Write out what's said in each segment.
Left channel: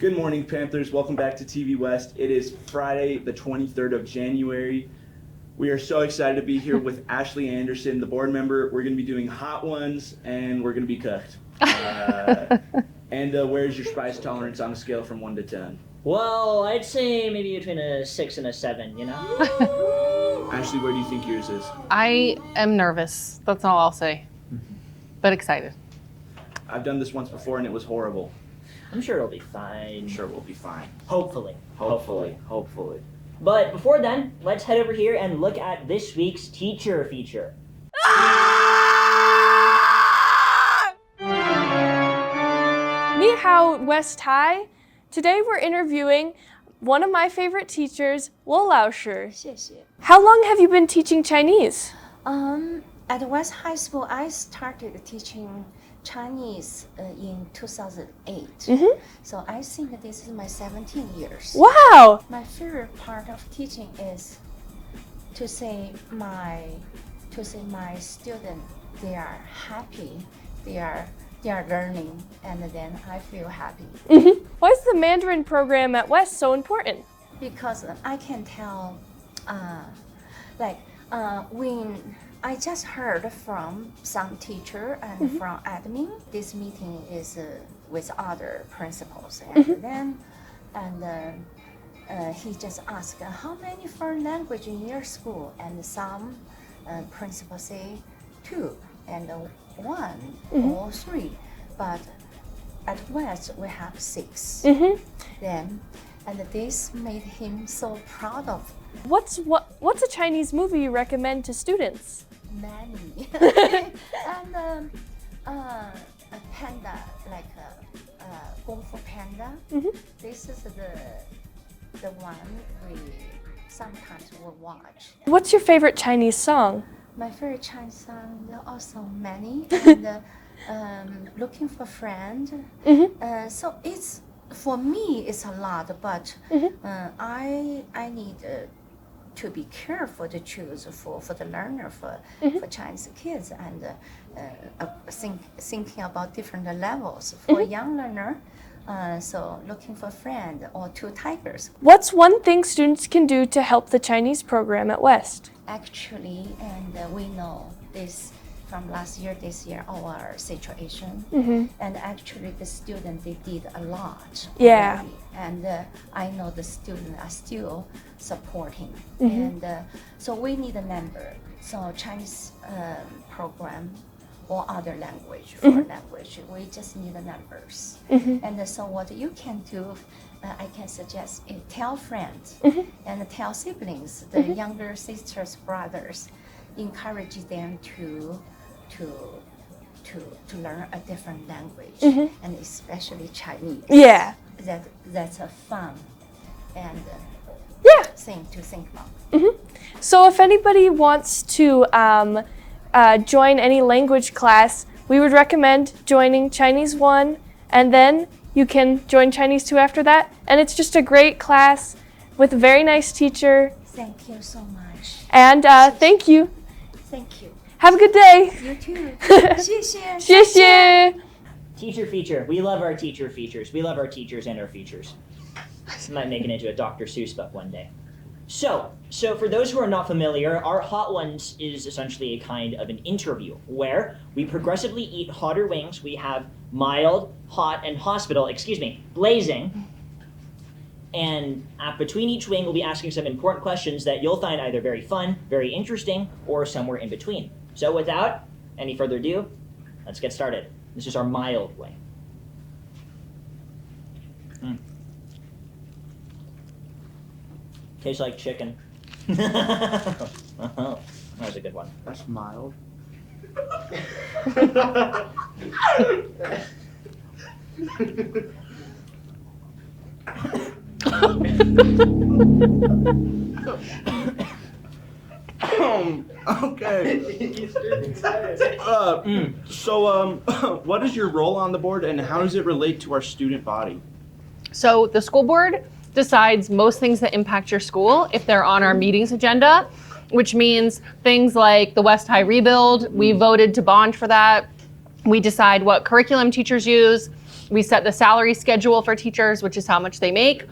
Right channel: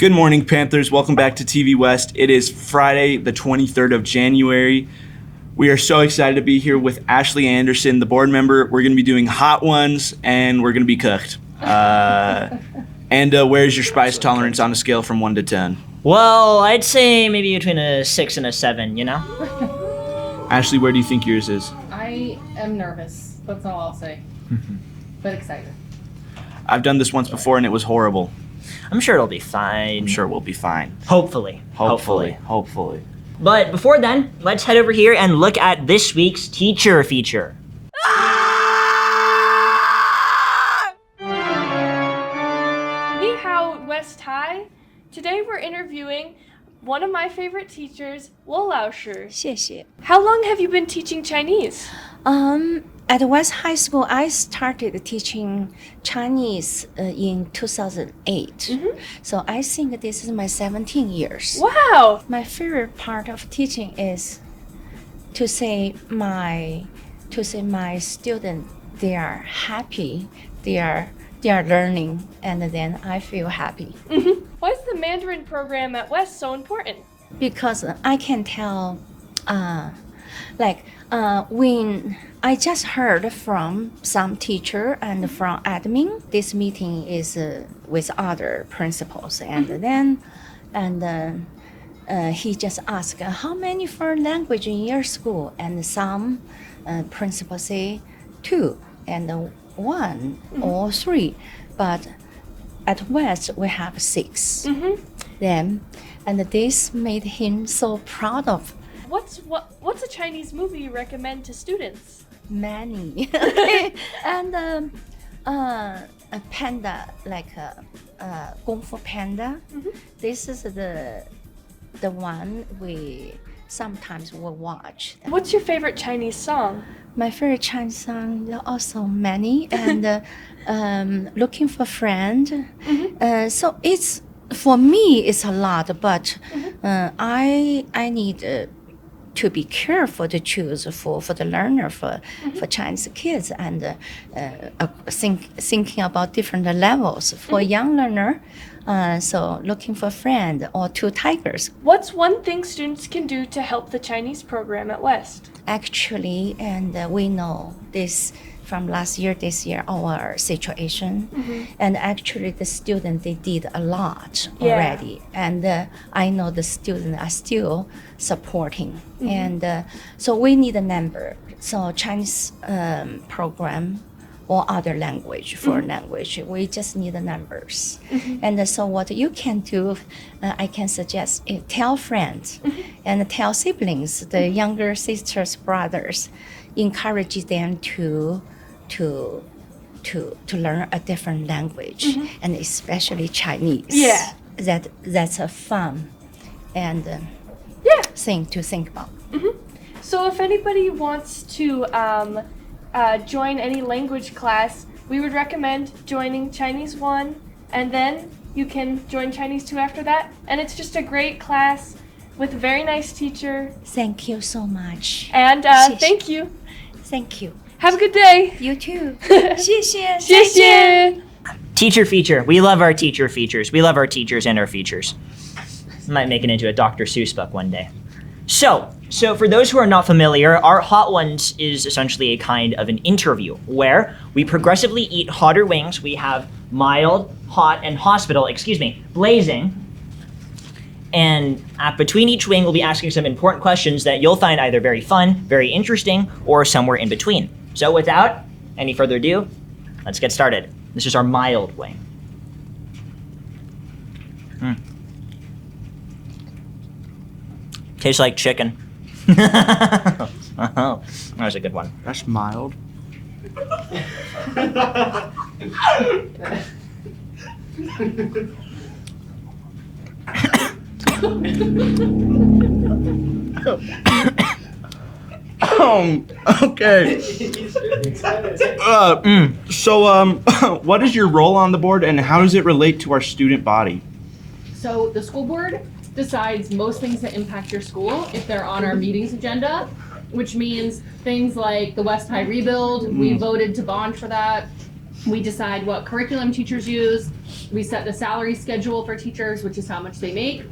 Good morning, Panthers. Welcome back to TV West. It is Friday, the 23rd of January. We are so excited to be here with Ashley Anderson, the board member. We're going to be doing hot ones, and we're going to be cooked. Where's your spice tolerance on a scale from 1 to 10? Well, I'd say maybe between a 6 and a 7, you know? Ashley, where do you think yours is? I am nervous. That's all I'll say. But excited. I've done this once before, and it was horrible. I'm sure it'll be fine. I'm sure we'll be fine. Hopefully. Hopefully. But before then, let's head over here and look at this week's teacher feature. Ni hao, West High. Today we're interviewing one of my favorite teachers, Wu Lao Shi. 谢谢. How long have you been teaching Chinese? At West High School, I started teaching Chinese in 2008. So I think this is my 17 years. Wow! My favorite part of teaching is to say my student, they are happy, they are learning, and then I feel happy. Why is the Mandarin program at West so important? Because I can tell, when I just heard from some teacher and from admin, this meeting is with other principals, and then he just asked how many foreign language in your school, and some principals say 2 and 1 or 3, but at West we have 6. Then, and this made him so proud of. What's a Chinese movie you recommend to students? Many. And a panda, like a Kung Fu Panda. This is the one we sometimes will watch. What's your favorite Chinese song? My favorite Chinese song, there are also many, and Looking for Friend. So it's, for me, it's a lot, but I need to be careful to choose for the learner, for Chinese kids, and thinking about different levels. For young learner, so Looking for Friend or Two Tigers. What's one thing students can do to help the Chinese program at West? Actually, and we know this from last year, this year, our situation. And actually the students, they did a lot already. And I know the students are still supporting. And so we need a member. So Chinese program or other language, foreign language, we just need the numbers. And so what you can do, I can suggest, tell friends and tell siblings, the younger sisters, brothers, encourage them to learn a different language, and especially Chinese. Yeah. That's a fun and thing to think about. So if anybody wants to join any language class, we would recommend joining Chinese 1, and then you can join Chinese 2 after that. And it's just a great class with a very nice teacher. Thank you so much. And thank you. Thank you. Have a good day. You too. 谢谢. 谢谢. Teacher feature. We love our teacher features. We love our teachers and our features. Might make it into a Dr. Seuss book one day. So for those who are not familiar, our Hot Ones is essentially a kind of an interview where we progressively eat hotter wings. We have mild, hot, and blazing. And between each wing, we'll be asking some important questions that you'll find either very fun, very interesting, or somewhere in between. So without any further ado, let's get started. This is our mild wing. Tastes like chicken. Oh, that was a good one. That's mild. Okay. What is your role on the board, and how does it relate to our student body? So the school board decides most things that impact your school if they're on our meetings agenda, which means things like the West High rebuild. We voted to bond for that. We decide what curriculum teachers use. We set the salary schedule for teachers, which is how much they make.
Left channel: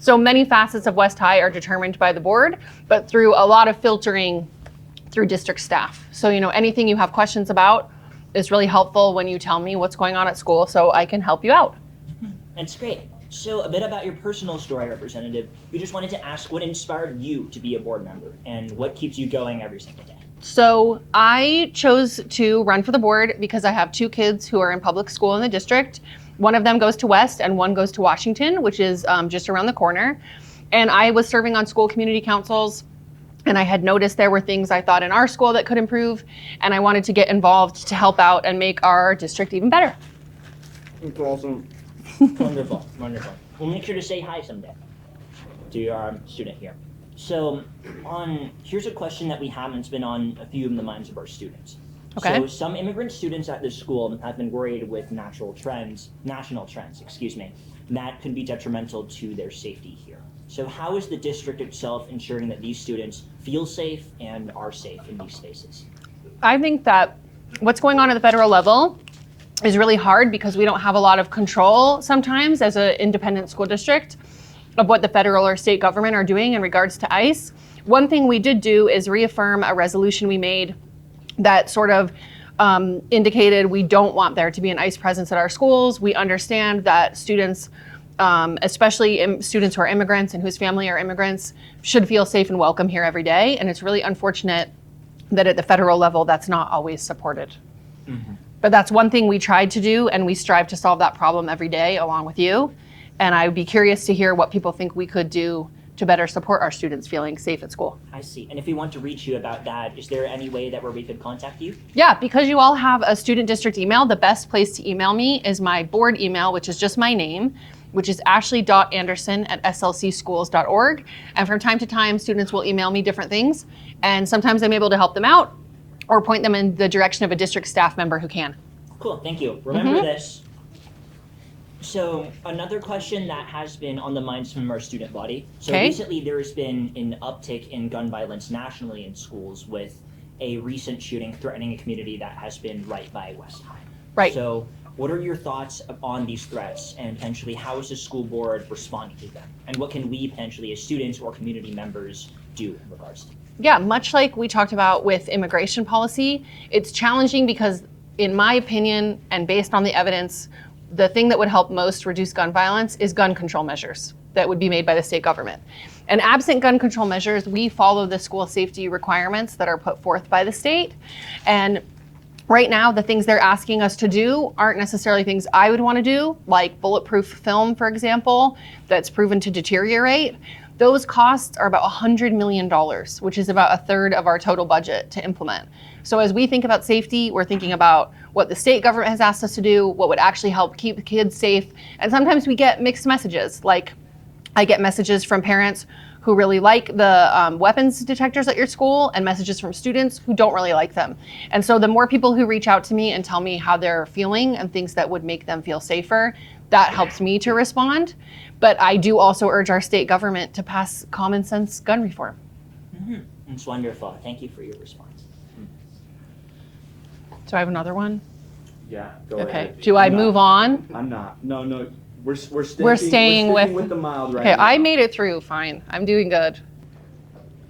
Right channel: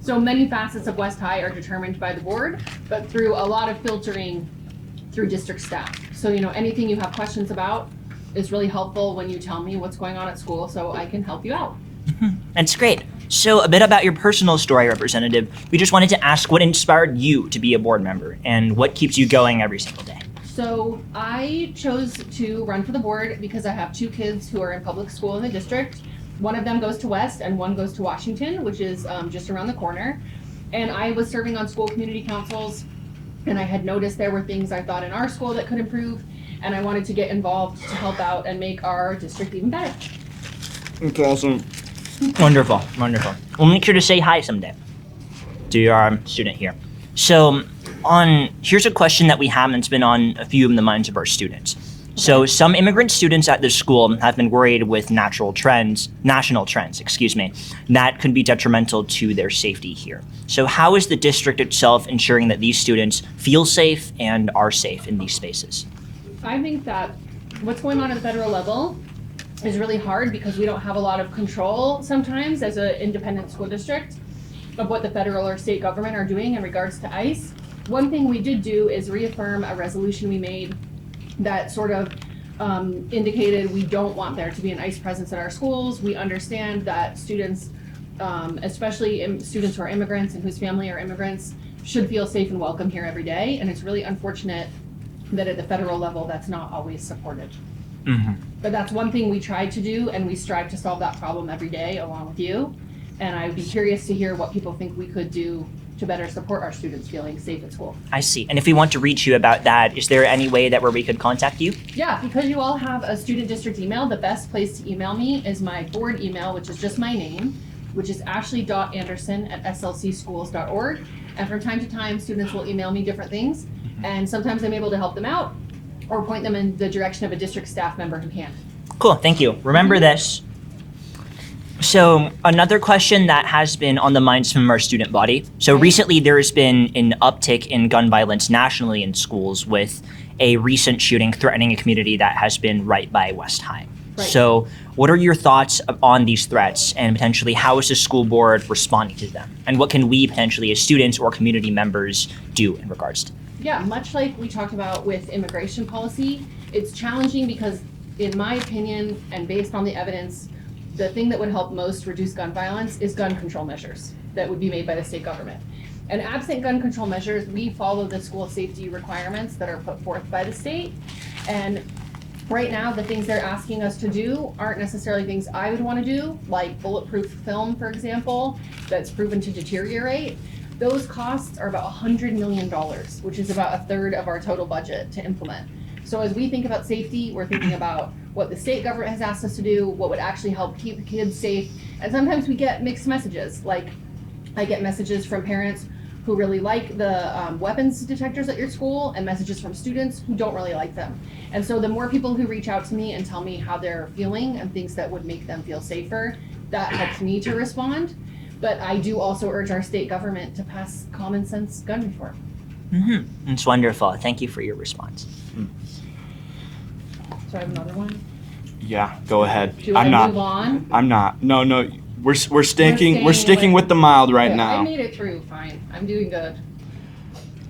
So many facets of West High are determined by the board, but through a lot of filtering through district staff. So, anything you have questions about is really helpful when you tell me what's going on at school so I can help you out. That's great. So a bit about your personal story, Representative. We just wanted to ask what inspired you to be a board member and what keeps you going every single day. So I chose to run for the board because I have 2 kids who are in public school in the district. One of them goes to West and one goes to Washington, which is just around the corner. And I was serving on school community councils, and I had noticed there were things I thought in our school that could improve, and I wanted to get involved to help out and make our district even better. That's awesome. Wonderful, wonderful. We'll make sure to say hi someday to your student here. So here's a question that we have that's been on a few of the minds of our students. So Okay. some immigrant students at this school have been worried with national trends, that could be detrimental to their safety here. So how is the district itself ensuring that these students feel safe and are safe in these spaces? I think that what's going on at the federal level is really hard because we don't have a lot of control sometimes as an independent school district of what the federal or state government are doing in regards to ICE. One thing we did do is reaffirm a resolution we made that sort of indicated we don't want there to be an ICE presence at our schools. We understand that students, especially students who are immigrants and whose family are immigrants, should feel safe and welcome here every day. And it's really unfortunate that at the federal level, that's not always supported. Mm-hmm. But that's one thing we tried to do, and we strive to solve that problem every day along with you. And I would be curious to hear what people think we could do to better support our students feeling safe at school. I see. And if we want to reach you about that, is there any way that where we could contact you? Yeah, because you all have a student district email, the best place to email me is my board email, which is just my name, which is ashley.anderson@slcschools.org. And from time to time, students will email me different things. And sometimes I'm able to help them out or point them in the direction of a district staff member who can. Cool, thank you. Remember this. So another question that has been on the minds from our student body. So Okay. recently there has been an uptick in gun violence nationally in schools with a recent shooting threatening a community that has been right by West High. Right. So what are your thoughts on these threats and potentially how is the school board responding to them? And what can we potentially as students or community members do in regards to? Yeah, much like we talked about with immigration policy, it's challenging because in my opinion, and based on the evidence, the thing that would help most reduce gun violence is gun control measures that would be made by the state government. And absent gun control measures, we follow the school safety requirements that are put forth by the state. And right now, the things they're asking us to do aren't necessarily things I would want to do, like bulletproof film, for example, that's proven to deteriorate. Those costs are about $100 million, which is about a third of our total budget to implement. So as we think about safety, we're thinking about what the state government has asked us to do, what would actually help keep the kids safe. And sometimes we get mixed messages. Like I get messages from parents who really like the weapons detectors at your school and messages from students who don't really like them. And so the more people who reach out to me and tell me how they're feeling and things that would make them feel safer, that helps me to respond. But I do also urge our state government to pass common sense gun reform. Mm-hmm. It's wonderful. Thank you for your response. Do I have another one? Yeah, go ahead. Do I move on? I'm not. No, we're sticking staying with the mild right Okay, now. I made it through fine. I'm doing good.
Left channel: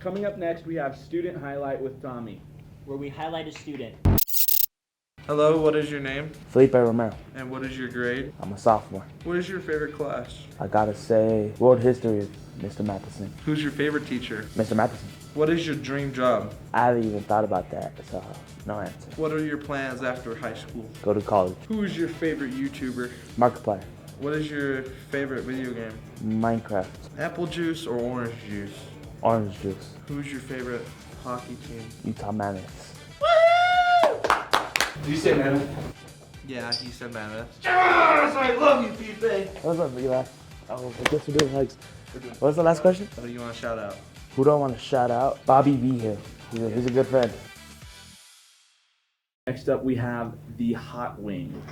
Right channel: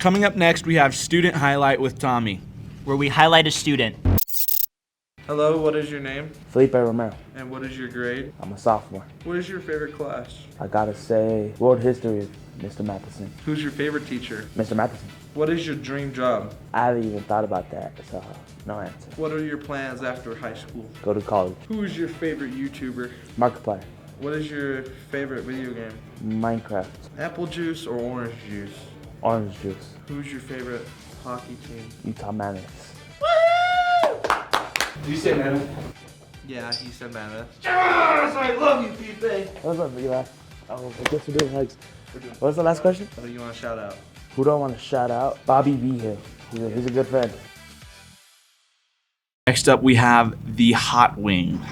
Coming up next, we have student highlight with Tommy. Where we highlight a student. Hello, what is your name? Felipe Romero. And what is your grade? I'm a sophomore. What is your favorite class? I gotta say, world history of Mr. Matheson. Who's your favorite teacher? Mr. Matheson. What is your dream job? I haven't even thought about that, so no answer. What are your plans after high school? Go to college. Who is your favorite YouTuber? Markiplier. What is your favorite video game? Minecraft. Apple juice or orange juice? Orange juice. Who's your favorite hockey team? Utah Mammoths. Did you say Nana? Yeah, he said Mammoth. Yes, I love you, Pipe. What's up, Eli? Oh, I guess we're doing hugs. What's the last question? What do you want to shout out? Who do I want to shout out? Bobby V here. He's a good friend. Next up, we have the hot wing.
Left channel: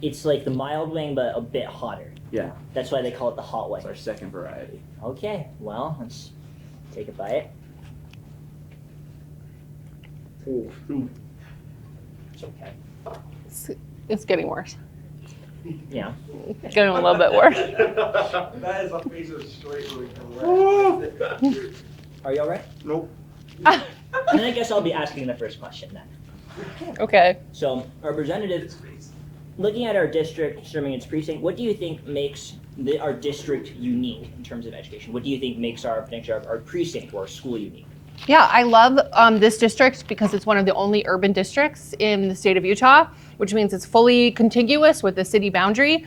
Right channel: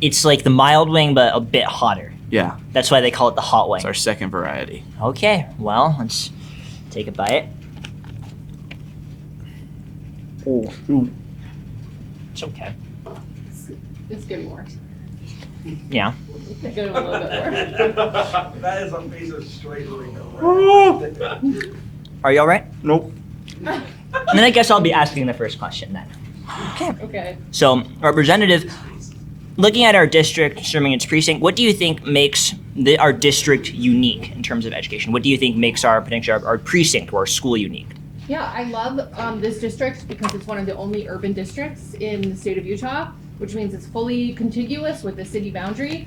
It's like the mild wing, but a bit hotter. Yeah, That's why they call it the hot wing. it's our second variety. Okay, well, let's take a bite. Ooh. It's okay. It's getting worse. Yeah. It's getting a little bit worse. That is a face of straight. Are you all right? Nope. And then I guess I'll be asking the first question then. Okay. So, Representative, looking at our district serving its precinct, what do you think makes our district unique in terms of education? What do you think makes our precinct or our school unique? Yeah, I love this district because it's one of the only urban districts in the state of Utah, which means it's fully contiguous with the city boundary.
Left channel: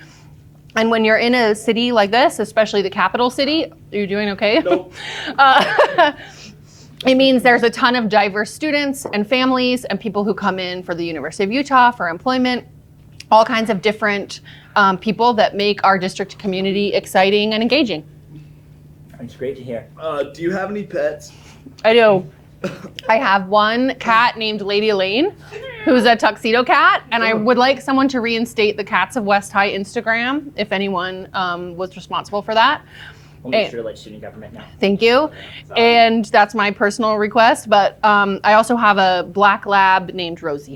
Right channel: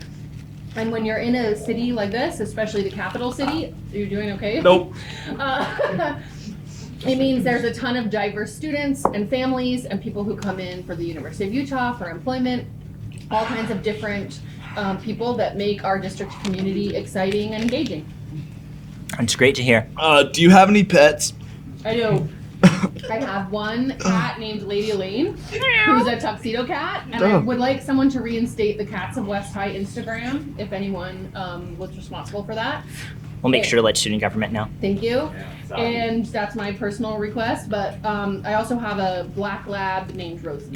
And when you're in a city like this, especially the capital city, are you doing okay? Nope. It means there's a ton of diverse students and families and people who come in for the University of Utah for employment, all kinds of different people that make our district community exciting and engaging. It's great to hear. Do you have any pets? I do. I have one cat named Lady Elaine, who's a tuxedo cat, and I would like someone to reinstate the Cats of West High Instagram if anyone was responsible for that. We'll make sure to let student government know. Thank you. And that's my personal request, but I also have a black lab named Rosie.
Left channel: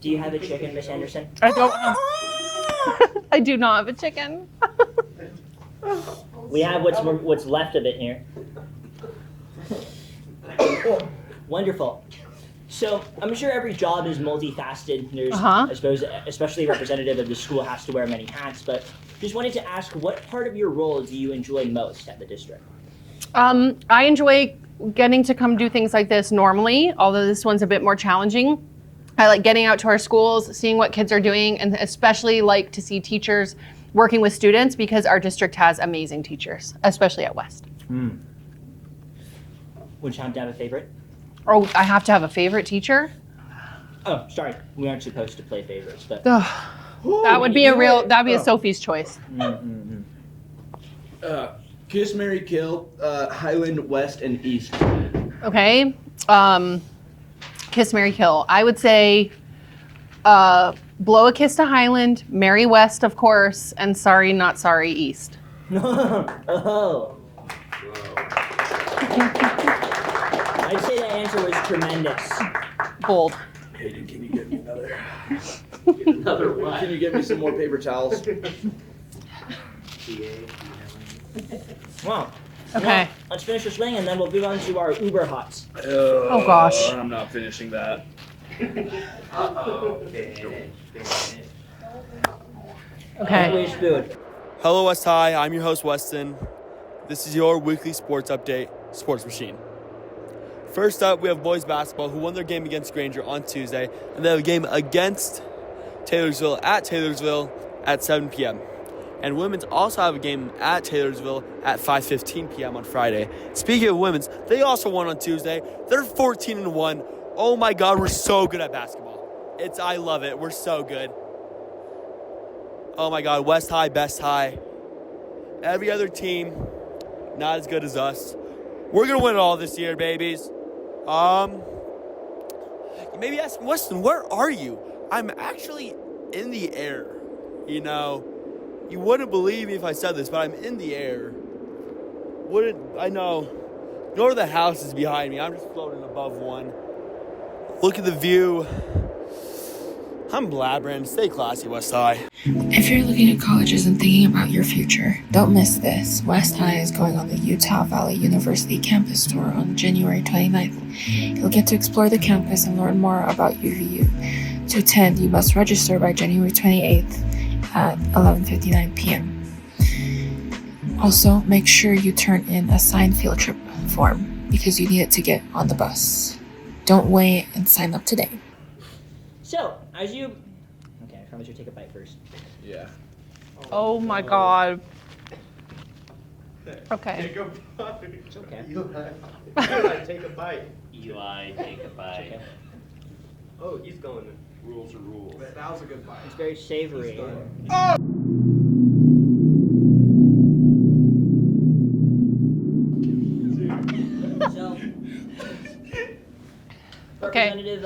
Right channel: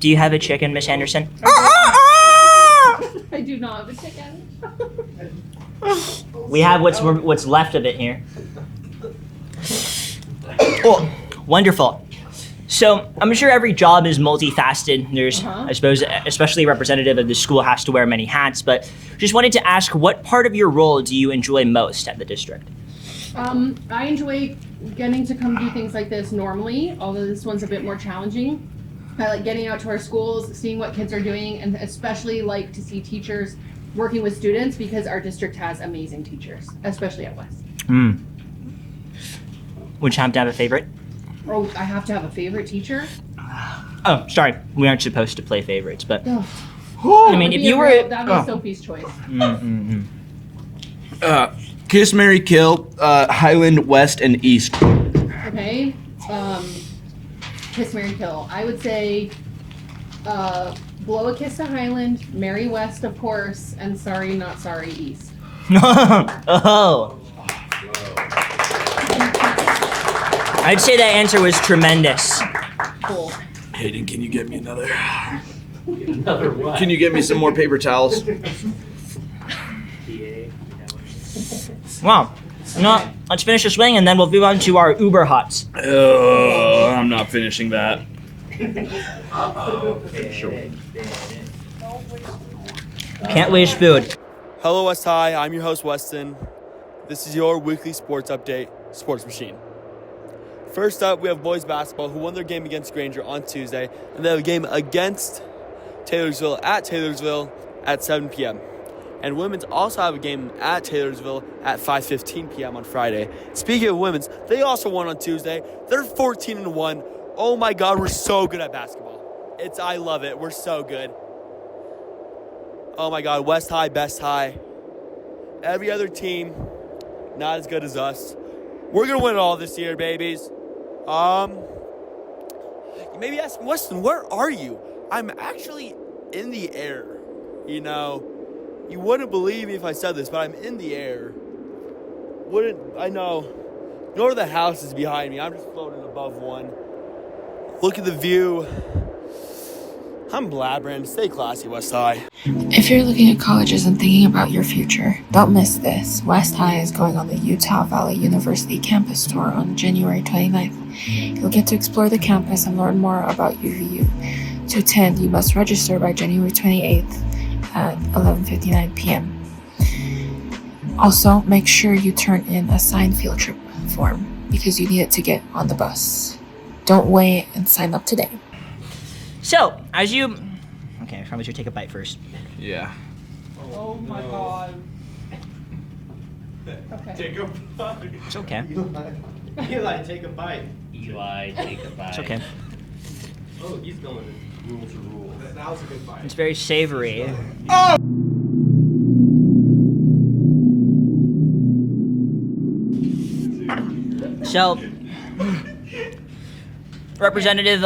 Do you have a chicken, Miss Anderson? I do not have a chicken. We have what's left of it here. Oh, wonderful. So I'm sure every job is multifaceted. There's, I suppose, especially a representative of the school has to wear many hats, but just wanted to ask, what part of your role do you enjoy most at the district? I enjoy getting to come do things like this normally, although this one's a bit more challenging. I like getting out to our schools, seeing what kids are doing, and especially like to see teachers working with students because our district has amazing teachers, especially at West. Would you happen to have a favorite? Oh, I have to have a favorite teacher? Oh, sorry. We aren't supposed to play favorites, but That would be a Sophie's choice. Kiss, Marry, Kill, Highland, West, and East. Okay. Kiss, marry, kill. I would say blow a kiss to Highland, marry West, of course, and sorry, not sorry, East. Oh. I'd say that answer was tremendous. Bold. Hayden, can you get me another? Can you get me some more paper towels? Wow. No, Okay. let's finish this wing and then we'll move on to our Uber Hots. Oh gosh. I'm not finishing that. Can't waste food. Hello, West High. I'm your host, Weston. This is your weekly sports update, Sports Machine. First up, we have boys basketball who won their game against Granger on Tuesday, and they have a game against Taylorsville at 7 p.m. And women's also have a game at Taylorsville at 5:15 p.m. on Friday. Speaking of women's, they also won on Tuesday. They're 14-1. Oh my God, we're so good at basketball. I love it. We're so good. Oh my God, West High, Best High. Every other team, not as good as us. We're gonna win it all this year, babies. You may be asking, Weston, where are you? I'm actually in the air. You know, you wouldn't believe me if I said this, but I'm in the air. I know. Nor the house is behind me. I'm just floating above one. Look at the view. I'm blabbering. Stay classy, West High. If you're looking at colleges and thinking about your future, don't miss this. West High is going on the Utah Valley University campus tour on January 29th. You'll get to explore the campus and learn more about UVU. To attend, you must register by January 28th at 11:59 p.m. Also, make sure you turn in a signed field trip form because you need it to get on the bus. Don't wait and sign up today. So, okay, I probably should take a bite first. Yeah. Oh my God. Okay. It's okay. Take a bite. Eli, take a bite. It's okay. Oh, he's going to rule to rule. That was a good bite. It's very savory. So, Representative,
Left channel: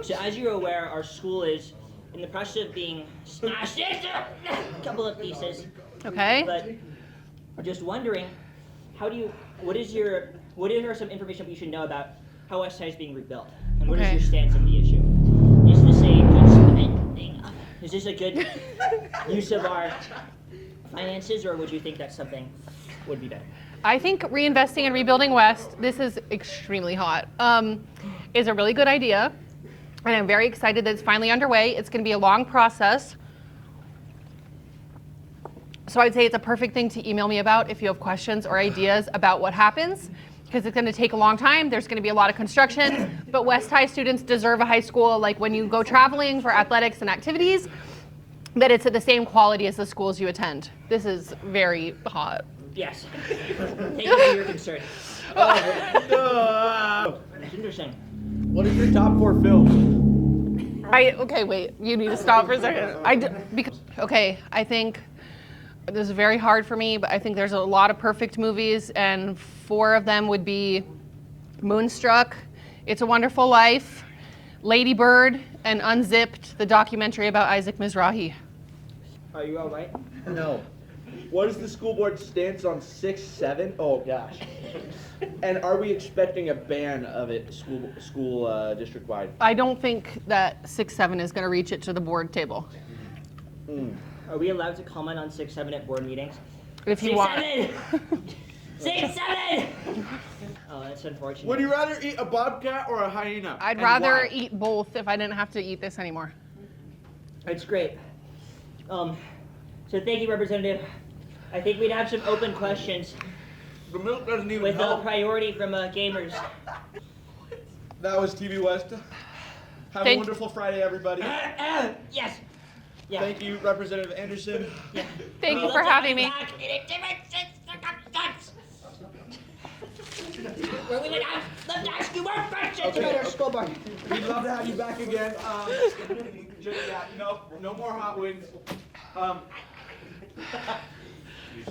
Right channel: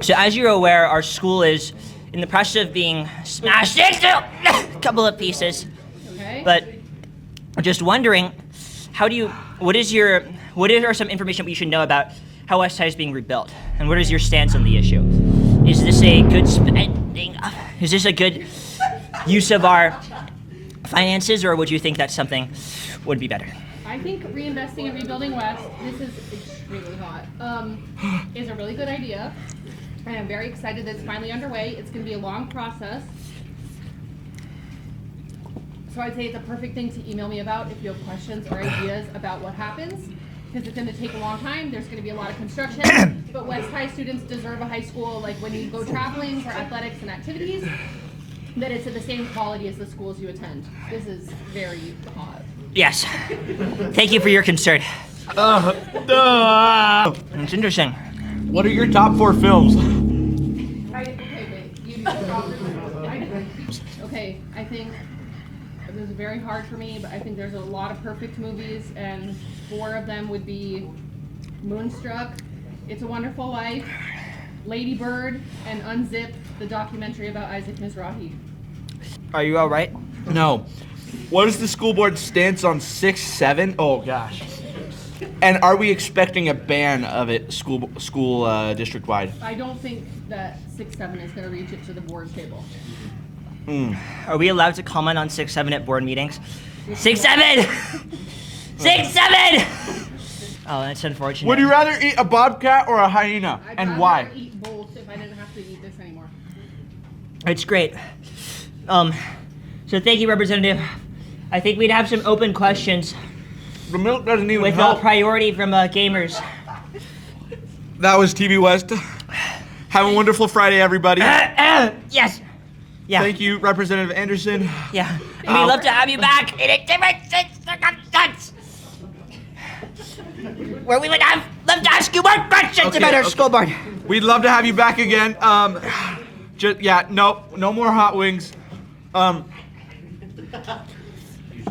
so as you're aware, our school is in the process of being smashed into a couple of pieces. Okay. But just wondering, what is your what are some information we should know about how West High is being rebuilt? And what is your stance on the issue? Is this a good spending? Is this a good use of our finances, or would you think that something would be better? I think reinvesting and rebuilding West, this is extremely hot, is a really good idea. And I'm very excited that it's finally underway. It's going to be a long process. So I'd say it's a perfect thing to email me about if you have questions or ideas about what happens, because it's going to take a long time. There's going to be a lot of construction, but West High students deserve a high school, like when you go traveling for athletics and activities, that it's at the same quality as the schools you attend. This is very hot. Yes. Thank you for your concern. It's interesting. What are your top 4 films? Okay, wait. You need to stop for a second. I think this is very hard for me, but I think there's a lot of perfect movies, and 4 of them would be Moonstruck, It's a Wonderful Life, Lady Bird, and Unzipped, the documentary about Isaac Mizrahi. Are you all right? No. What is the school board's stance on 6-7? Oh gosh. And are we expecting a ban of it school district wide? I don't think that 6-7 is going to reach it to the board table. Are we allowed to comment on 6-7 at board meetings? If you 6-7! 6-7! Oh, that's unfortunate. Would you rather eat a bobcat or a hyena? I'd and rather why? eat both if I didn't have to eat this anymore. It's great. So thank you, Representative. I think we'd have some open questions The milk doesn't even with help. priority from gamers. That was TV West. Have a wonderful Friday, everybody. Yes. Yeah. Thank you, Representative Anderson. Yeah. Thank We'd you love for to have having you me. back in a different circumstance. Where we would have love to ask you more questions about our school board. We'd love to have you back again. No more hot wings.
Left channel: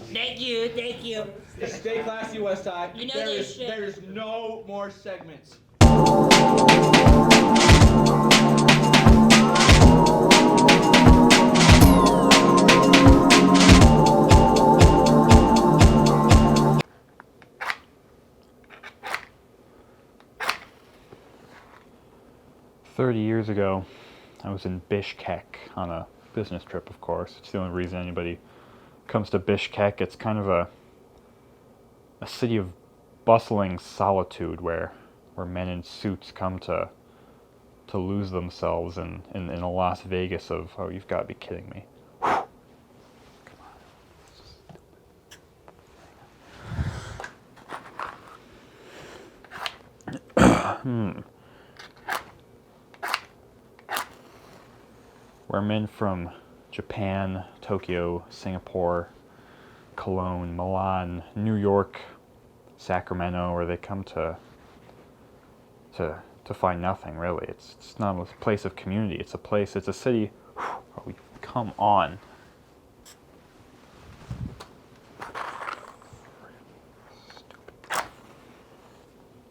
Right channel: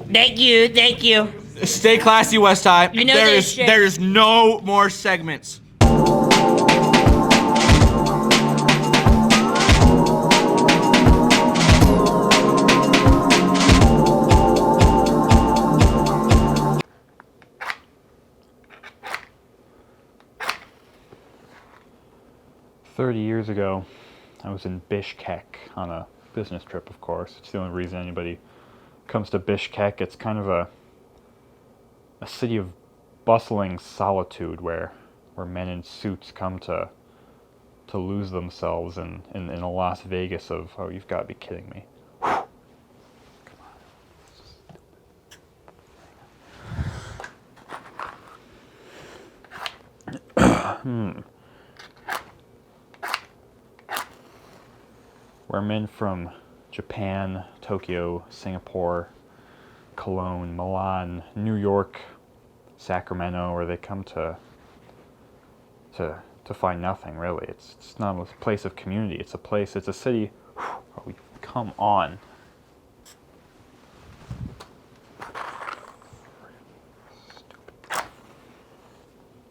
Thank you. Stay classy, West High. You know this shit. There is no more segments. 30 years ago, I was in Bishkek on a business trip, of course. It's the only reason anybody comes to Bishkek. It's kind of a city of bustling solitude where men in suits come to lose themselves in a Las Vegas of, oh, you've got to be kidding me. Where men from Japan, Tokyo, Singapore, Cologne, Milan, New York, Sacramento, where they come to find nothing, really. It's not a place of community. It's a city. Oh, come on. Stupid.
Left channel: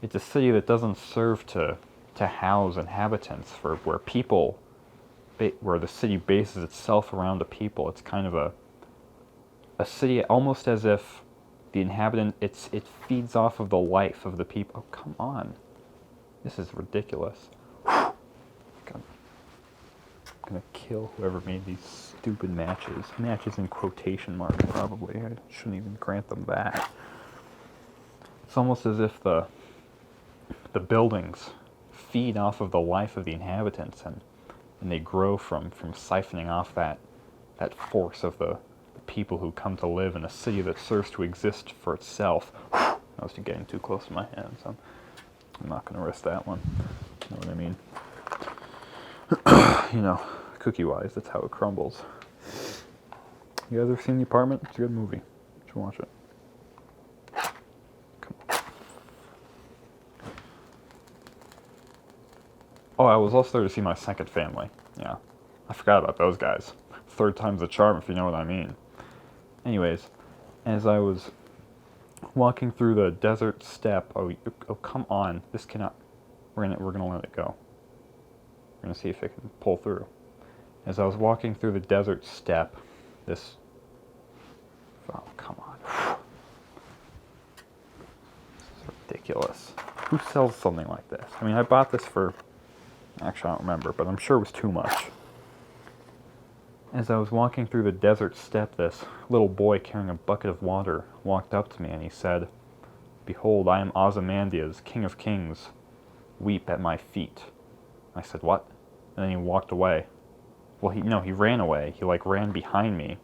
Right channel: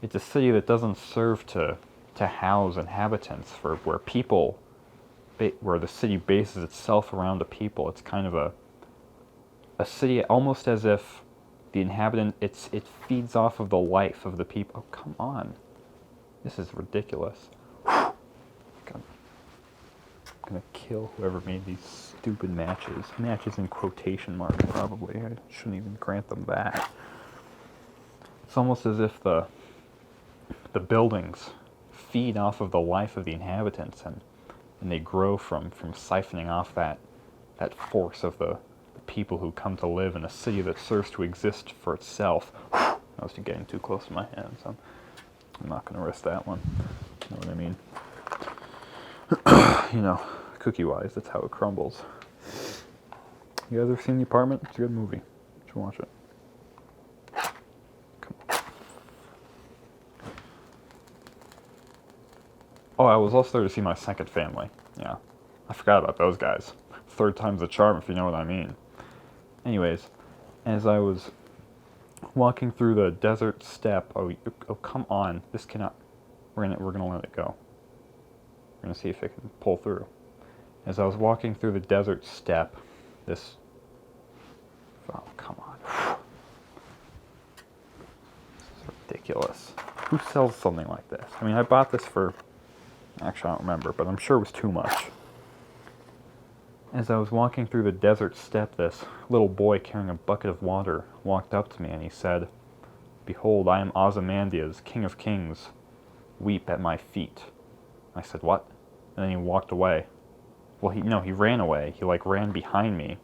It's a city that doesn't serve to house inhabitants, for where the city bases itself around the people. It's kind of a city almost as if the inhabitant, it feeds off of the life of the people. Oh, come on. This is ridiculous. I'm gonna kill whoever made these stupid matches. Matches in quotation marks, probably. I shouldn't even grant them that. It's almost as if the buildings feed off of the life of the inhabitants, and they grow from siphoning off that force of the people who come to live in a city that serves to exist for itself. I was getting too close to my hands. I'm not going to risk that one. You know what I mean? Cookie-wise, that's how it crumbles. You guys ever seen The Apartment? It's a good movie. You should watch it. Come on. Oh, I was also there to see My Second Family. Yeah, I forgot about those guys. Third time's the charm, if you know what I mean. Anyways, as I was walking through the desert steppe, oh come on, this cannot. We're gonna let it go. We're gonna see if it can pull through. As I was walking through the desert steppe, this. Oh, come on. This is ridiculous. Who sells something like this? I mean, I bought this for, actually I don't remember, but I'm sure it was too much. As I was walking through the desert steppe, this little boy carrying a bucket of water walked up to me and he said, "Behold, I am Ozymandias, King of Kings. Weep at my feet." I said, "What?" And then he walked away. Well, he ran away. He like ran behind me.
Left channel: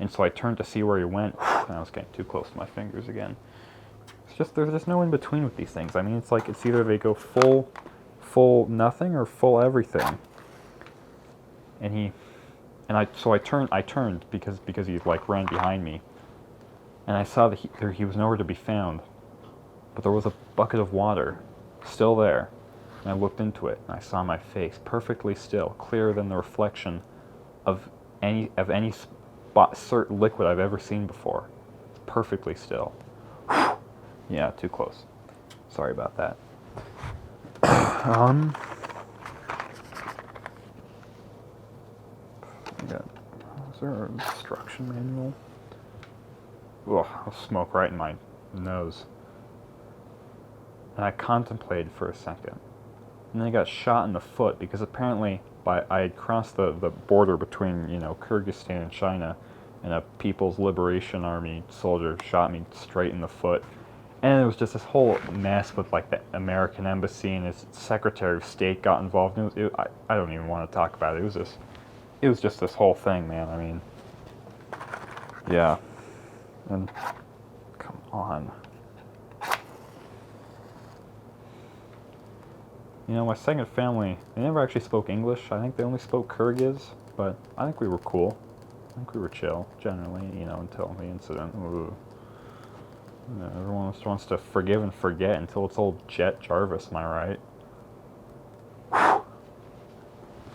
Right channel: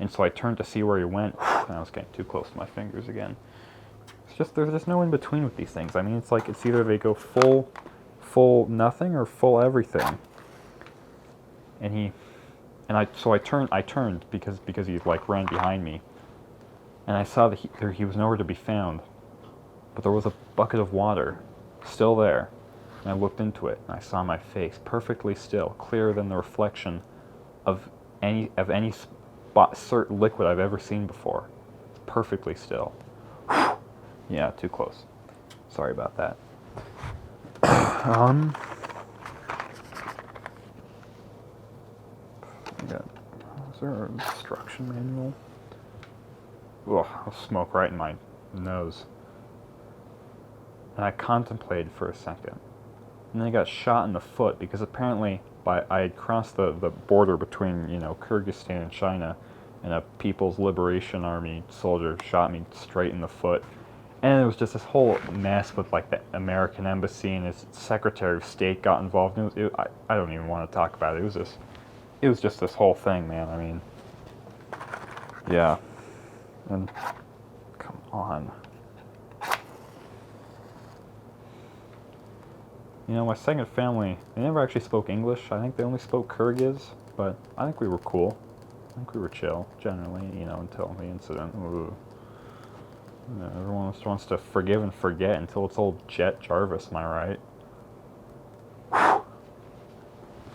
And so I turned to see where he went, and I was getting too close to my fingers again. It's just, there's just no in between with these things. I mean, it's like, it's either they go full nothing or full everything. And I turned because he like ran behind me. And I saw that he was nowhere to be found. But there was a bucket of water, still there. And I looked into it, and I saw my face, perfectly still, clearer than the reflection of any certain liquid I've ever seen before. Perfectly still. Yeah, too close. Sorry about that. Is there an instruction manual? Ugh, I'll smoke right in my nose. And I contemplated for a second. And then I got shot in the foot because apparently I had crossed the border between, Kyrgyzstan and China, and a People's Liberation Army soldier shot me straight in the foot. And it was just this whole mess with like the American embassy and its Secretary of State got involved. I don't even want to talk about it. It was just this whole thing, man. I mean, yeah. And come on. My second family, they never actually spoke English. I think they only spoke Kyrgyz, but I think we were cool. I think we were chill, generally, until the incident. Everyone wants to forgive and forget until it's old Jet Jarvis, am I right?